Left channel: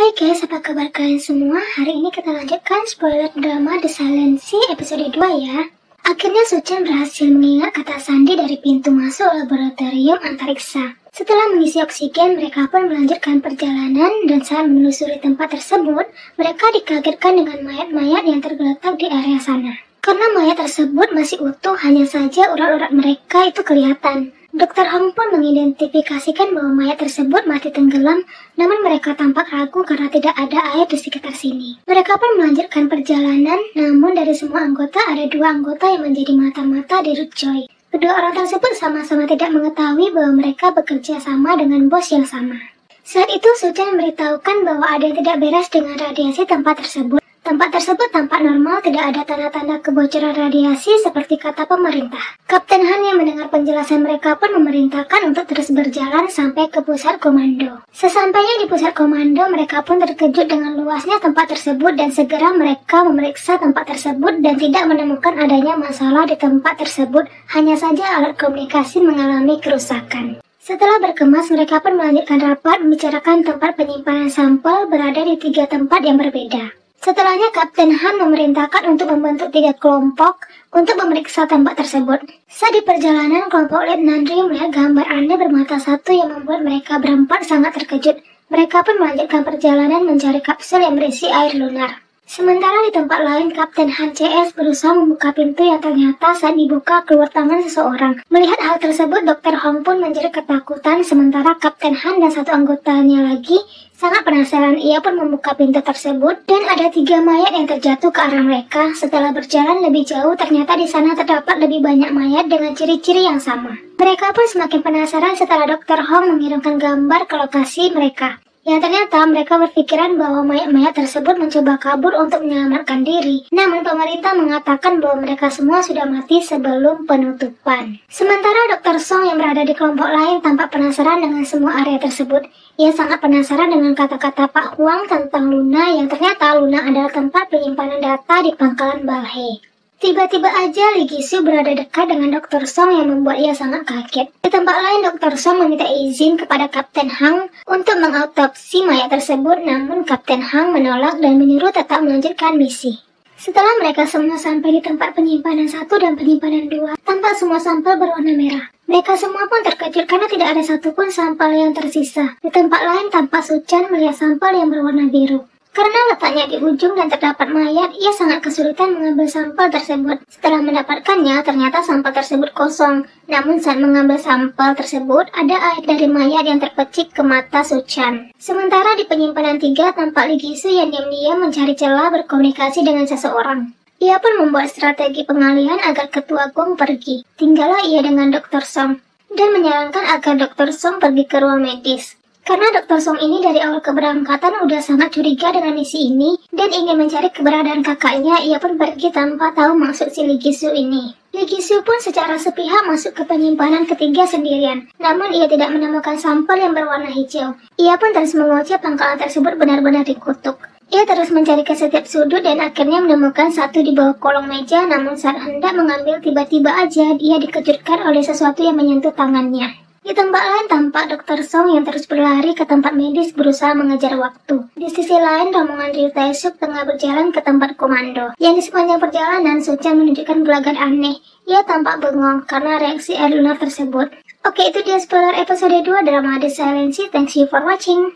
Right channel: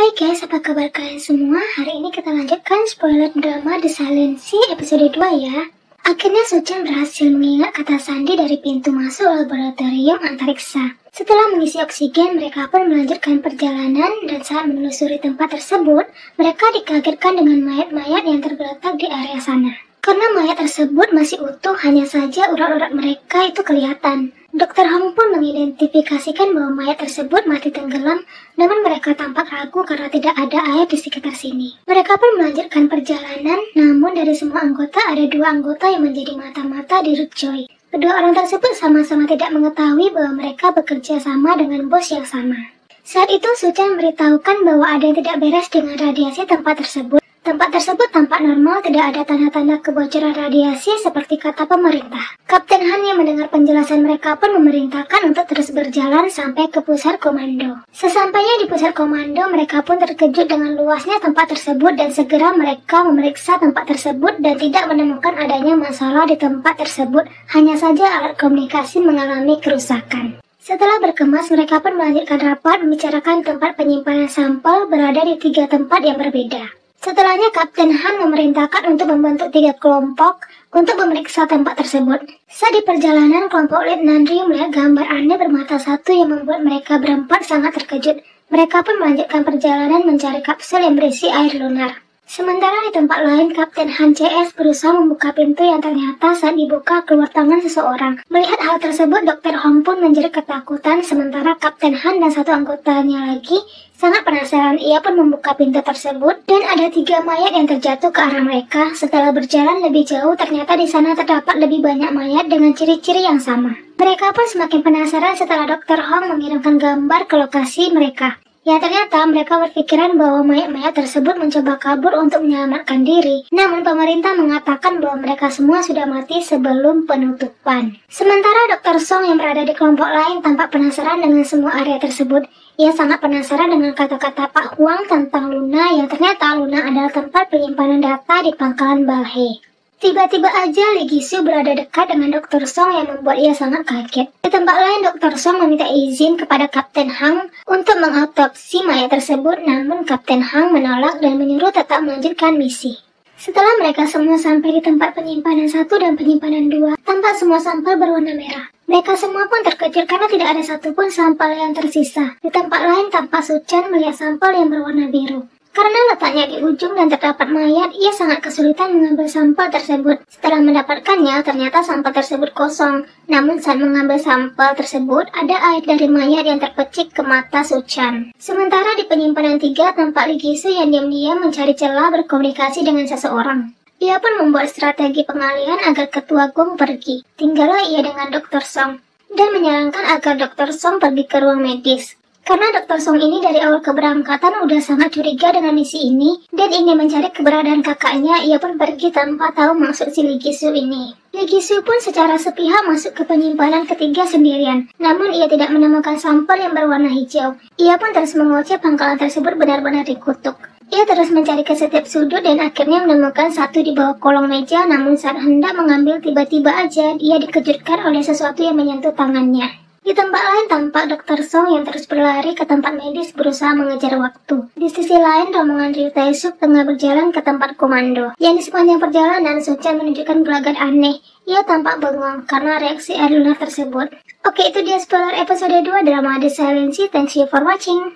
Hai guys, apa kabar kalian semua? Hari ini kita lanjutkan spoiler drama The Silency episode 2 ya. Akhirnya Suchan berhasil mengingat kata sandi dari pintu masuk laboratorium antariksa. Setelah mengisi oksigen, mereka pun melanjutkan perjalanan dan saat menelusuri tempat tersebut, mereka dikagetkan dengan mayat-mayat yang tergeletak di area sana. Karena mayat tersebut masih utuh, hanya saja urat-urat mereka itu kelihatan. Dr. Hong pun mengidentifikasikan bahwa mayat tersebut mati tenggelam, namun mereka tampak ragu karena tidak ada air di sekitar sini. Mereka pun melanjutkan perjalanan, namun dari semua anggota ada 2 anggota yang menjadi mata-mata di Rutjoy. Kedua orang tersebut sama-sama tidak mengetahui bahwa mereka bekerja sama dengan bos yang sama. Saat itu Suchan memberitahukan bahwa ada yang tidak beres dengan radiasi tempat tersebut. Tempat tersebut tampak normal, tidak ada tanda-tanda kebocoran radiasi seperti kata pemerintah. Kapten Han yang mendengar penjelasan mereka pun memerintahkan untuk terus berjalan sampai ke pusat komando. Sesampainya di pusat komando, mereka pun terkejut dengan luasnya tempat tersebut dan segera mereka memeriksa tempat tersebut dan tidak menemukan adanya masalah di tempat tersebut, hanya saja alat komunikasi mengalami kerusakan. Setelah berkemas, mereka pun melanjutkan rapat membicarakan tempat penyimpanan sampel berada di 3 tempat yang berbeda. Setelahnya Kapten Han memerintahkan untuk membentuk 3 kelompok untuk memeriksa tempat tersebut. Saat di perjalanan, kelompok Letnan Ryu melihat gambar aneh bermata satu yang membuat mereka berempat sangat terkejut. Mereka pun melanjutkan perjalanan mencari kapsul yang berisi air lunar. Sementara di tempat lain, Kapten Han CS berusaha membuka pintu yang ternyata saat dibuka keluar tangan seseorang. Melihat hal tersebut, Dr. Hong pun menjerit ketakutan, sementara Kapten Han dan 1 anggotanya lagi sangat penasaran. Ia pun membuka pintu tersebut dan ada 3 mayat yang terjatuh ke arah mereka. Setelah berjalan lebih jauh, ternyata di sana terdapat lebih banyak mayat dengan ciri-ciri yang sama. Mereka pun semakin penasaran setelah Dr. Hong mengirimkan gambar ke lokasi mereka. Yang ternyata mereka berpikiran bahwa mayat-mayat tersebut mencoba kabur untuk menyelamatkan diri. Namun pemerintah mengatakan bahwa mereka semua sudah mati sebelum penutupan. Sementara Dr. Song yang berada di kelompok lain tampak penasaran dengan semua area tersebut. Ia sangat penasaran dengan kata-kata Pak Huang tentang Luna, yang ternyata Luna adalah tempat penyimpanan data di pangkalan Balhe. Tiba-tiba aja Lee Gi-soo berada dekat dengan Dr. Song yang membuat ia sangat kaget. Di tempat lain, Dr. Song meminta izin kepada Kapten Hang untuk mengautopsi mayat tersebut, namun Kapten Hang menolak dan menyuruh tetap melanjutkan misi. Setelah mereka semua sampai di tempat penyimpanan 1 dan penyimpanan 2, tampak semua sampel berwarna merah. Mereka semua pun terkejut karena tidak ada satupun sampel yang tersisa. Di tempat lain, tampak Suchan melihat sampel yang berwarna biru. Karena letaknya di ujung dan terdapat mayat, ia sangat kesulitan mengambil sampel tersebut. Setelah mendapatkannya, ternyata sampel tersebut kosong. Namun saat mengambil sampel tersebut, ada air dari mayat yang terpecik ke mata Suchan. Sementara di penyimpanan 3, tampak Lee Gi-soo yang diam-diam mencari celah berkomunikasi dengan seseorang. Ia pun membuat strategi pengalihan agar Ketua Gung pergi. Tinggallah ia dengan Dr. Song dan menyarankan agar Dr. Song pergi ke ruang medis. Karena Dr. Song ini dari awal keberangkatan udah sangat curiga dengan misi ini dan ingin mencari keberadaan kakaknya, ia pun pergi tanpa tahu maksud si Lee Gi-soo ini. Lee Gi-soo pun secara sepihak masuk ke penyimpanan ketiga sendirian, namun ia tidak menemukan sampel yang berwarna hijau. Ia pun terus mengoceh pangkalan tersebut benar-benar dikutuk. Ia terus mencari ke setiap sudut dan akhirnya menemukan satu di bawah kolong meja, namun saat hendak mengambil tiba-tiba aja dia dikejutkan oleh sesuatu yang menyentuh tangannya. Di tempat lain tampak Dr. Song yang terus berlari ke tempat medis berusaha mengejar waktu. Di sisi lain, rombongan Ryu Tae-suk tengah berjalan ke tempat komando. Yang di sepanjang perjalanan, Suchan menunjukkan gelagat aneh. Ia tampak bengong karena reaksi air lunar tersebut. Oke, itu dia spoiler episode 2 drama The Silency. Thanks you for watching.